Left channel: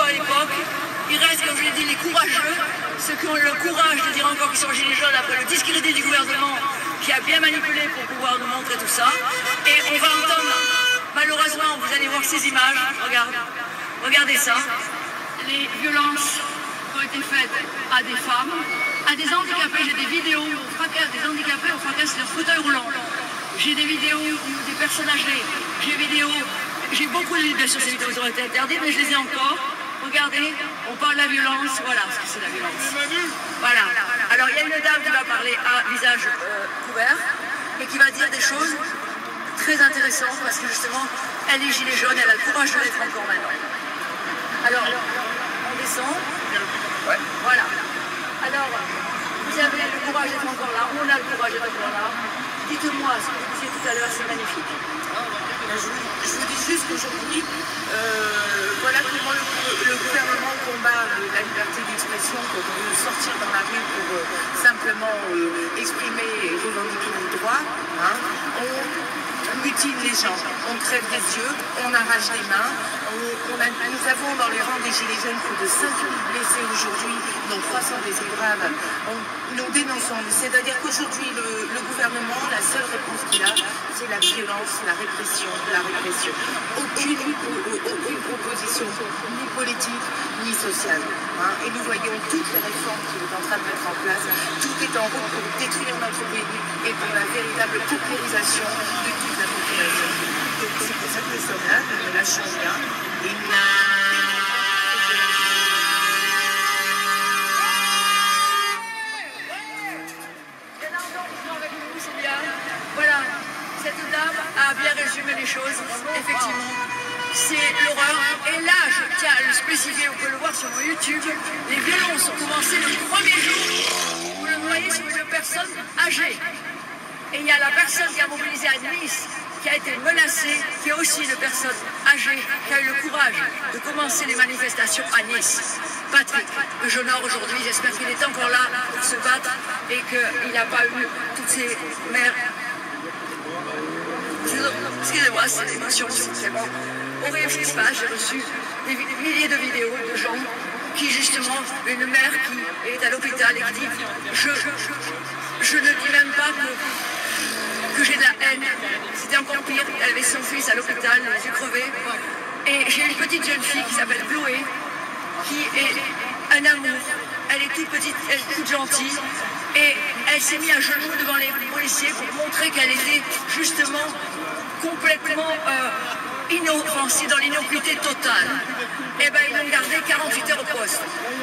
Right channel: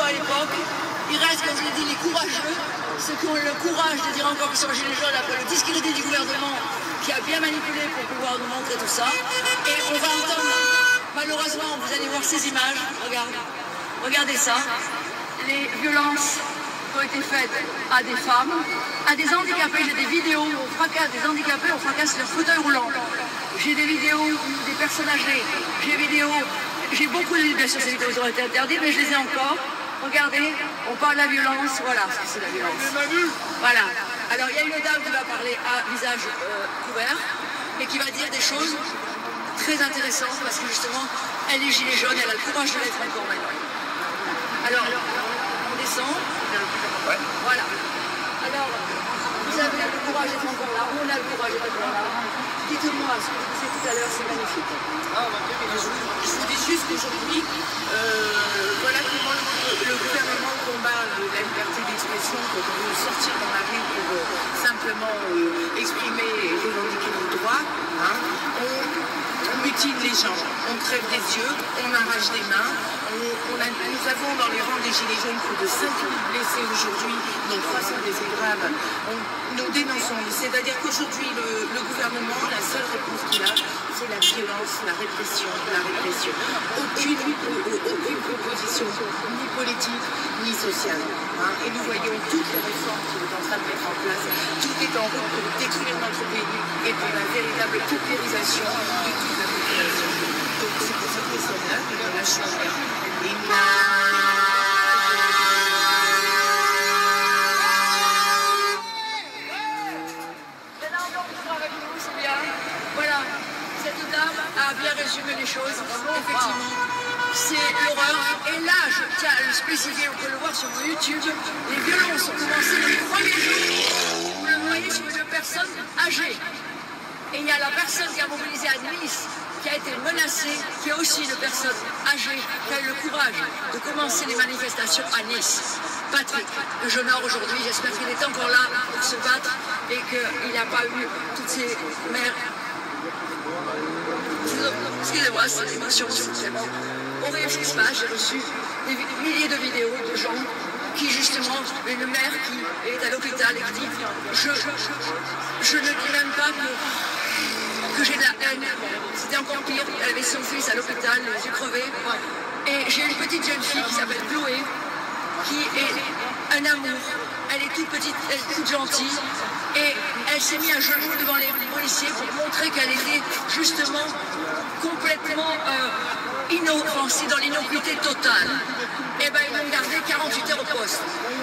beaucoup à l'époque. Il reste, comme je l'ai dit, les courageux, ceux qui ont le courage de dire encore qu'ils sont gilets jaunes après le discrédit du gouvernement qui a bien manipulé pour pouvoir nous montrer tout ça. Et on va entendre, malheureusement, vous allez voir ces images, regardez ça, les violences qui ont été faites à des femmes, à des handicapés. J'ai des vidéos où on fracasse des handicapés, on fracasse leur fauteuil roulant. J'ai des vidéos des personnes âgées, j'ai beaucoup de vidéos, bien sûr ces vidéos ont été interdites, mais je les ai encore. Regardez, on parle de la violence, voilà ce que c'est la violence. Voilà. Alors il y a une dame qui va parler à visage couvert et qui va dire des choses très intéressantes parce que justement, elle est gilet jaune, elle a le courage de l'être encore maintenant. Alors, on descend. Ouais. Voilà. Alors, vous avez le courage d'être encore là, on a le courage d'être encore là. Dites-moi ce que vous disiez tout à l'heure, c'est magnifique. Je vous dis juste qu'aujourd'hui, voilà comment le gouvernement combat la liberté d'expression pour sortir dans la rue pour simplement exprimer et revendiquer nos droits. Hein. On mutile les gens, on crève des yeux, on arrache des mains. Nous avons dans les rangs des Gilets jaunes plus de 5000 blessés aujourd'hui, dont 300 blessés graves. Nous dénonçons, c'est-à-dire qu'aujourd'hui le gouvernement, la seule réponse qu'il a, c'est la violence, la répression, la répression. Aucune proposition, ni politique, ni sociale. Hein. Et nous voyons toutes les réformes qu'il est en train de mettre en place. Tout est en route pour détruire notre pays et pour la véritable paupérisation de toute la population. Donc c'est pour ça que nous sommes là, nous ne lâchons rien. Et voilà, cette dame a bien résumé les choses, effectivement. C'est l'horreur. Et là, je tiens à le spécifier, on peut le voir sur mon YouTube, les violences ont commencé le premier jour. Vous le voyez sur une personne âgée. Et il y a la personne qui a mobilisé à Nice, qui a été menacée, qui est aussi une personne âgée, qui a eu le courage de commencer les manifestations à Nice. Patrick, que j'honore aujourd'hui, j'espère qu'il est encore là pour se battre et qu'il n'a pas eu toutes ces mères. Excusez-moi, c'est l'émotion, c'est vraiment horrible ce qui se passe. J'ai reçu des milliers de vidéos de gens qui, justement, une mère qui est à l'hôpital et qui dit je ne dis même pas que j'ai de la haine. C'était encore pire, elle avait son fils à l'hôpital, les yeux crevés. Et j'ai une petite jeune fille qui s'appelle Chloé, qui est un amour. Elle est toute petite, elle est toute gentille. Et elle s'est mise à genoux devant les policiers pour montrer qu'elle était justement complètement inoffensive, dans l'innocuité totale. Et bien ils l'ont gardée 48 heures au poste.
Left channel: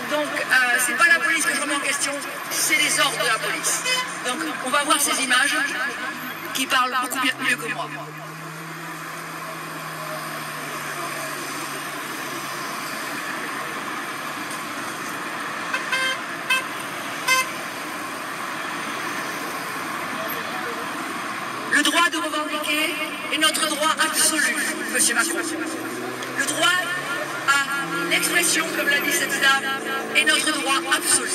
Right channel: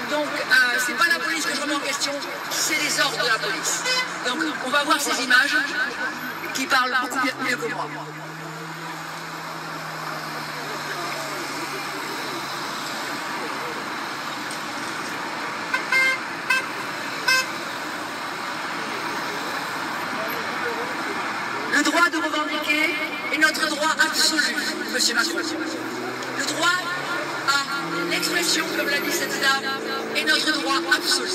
Donc c'est pas la police que je remets en question, c'est les ordres de la police. Donc on va voir ces images qui parlent beaucoup mieux que moi. Le droit de revendiquer est notre droit absolu, M. Macron. Le droit à l'expression, comme l'a dit cette dame, est notre droit absolu.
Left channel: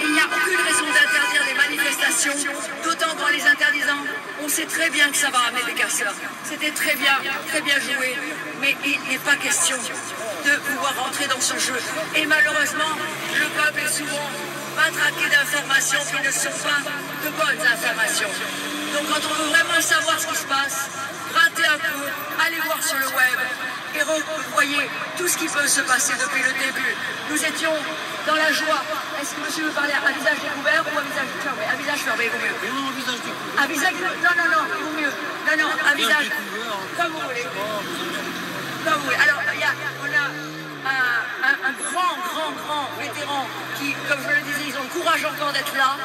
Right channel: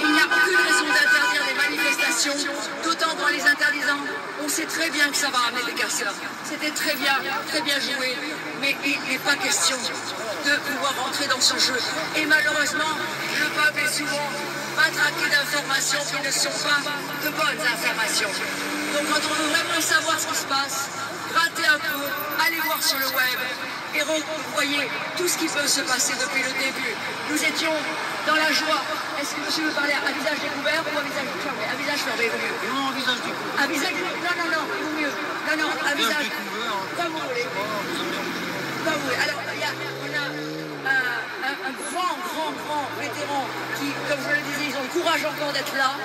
Il n'y a aucune raison d'interdire les manifestations, d'autant qu'en les interdisant, on sait très bien que ça va amener des casseurs. C'était très bien joué, mais il n'est pas question de pouvoir rentrer dans ce jeu. Et malheureusement, le peuple est souvent matraqué d'informations qui ne sont pas de bonnes informations. Donc quand on veut vraiment savoir ce qui se passe, grattez un peu, allez voir sur le web et voyez tout ce qui peut se passer depuis le début. Nous étions dans la joie. Est-ce que monsieur veut parler à visage découvert ou à visage fermé? À visage fermé, il vaut mieux. Non, visage découvert. À visage découvert. Non, il vaut mieux. Non, à visage. Comme vous voulez. Comme vous voulez. Alors, on a un grand vétéran qui, comme je le disais, ils ont le courage encore d'être là.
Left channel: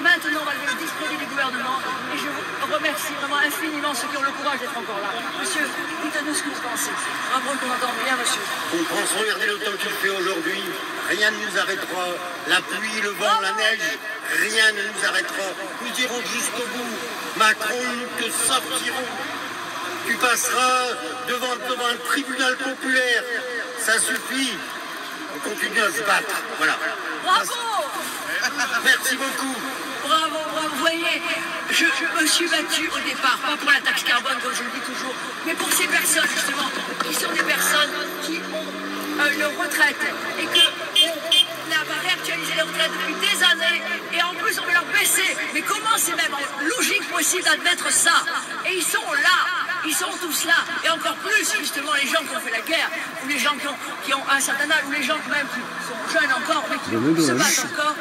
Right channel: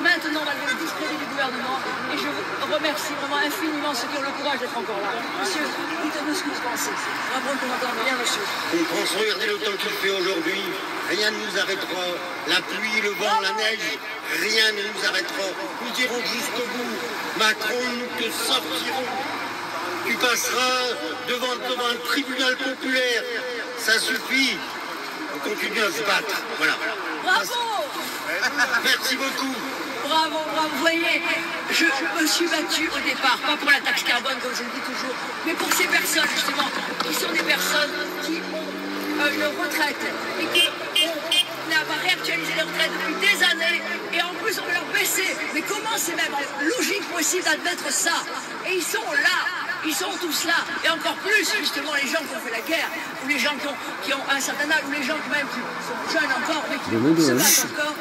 Maintenant, on va le discrédit du gouvernement et je vous remercie vraiment infiniment ceux qui ont le courage d'être encore là. Monsieur, dites-nous ce que vous pensez. Rappelons qu'on entend bien, monsieur. On pense, regardez le temps qu'il fait aujourd'hui. Rien ne nous arrêtera. La pluie, le vent, la neige, rien ne nous arrêtera. Nous irons jusqu'au bout. Macron, nous te sortirons. Tu passeras devant un tribunal populaire. Ça suffit. On continue à se battre. Voilà. Bravo! Merci beaucoup. Bravo. Vous voyez, je me suis battue au départ, pas pour la taxe carbone comme je le dis toujours, mais pour ces personnes justement, qui sont des personnes qui ont leur retraite et qu'on n'a pas réactualisé les retraites depuis des années et en plus on veut leur baisser. Mais comment c'est même logique possible d'admettre ça? Et ils sont là. Ils sont tous là, et encore plus justement les gens qui ont fait la guerre, ou les gens qui ont un certain âge, ou les gens même qui sont jeunes encore, mais qui se battent encore.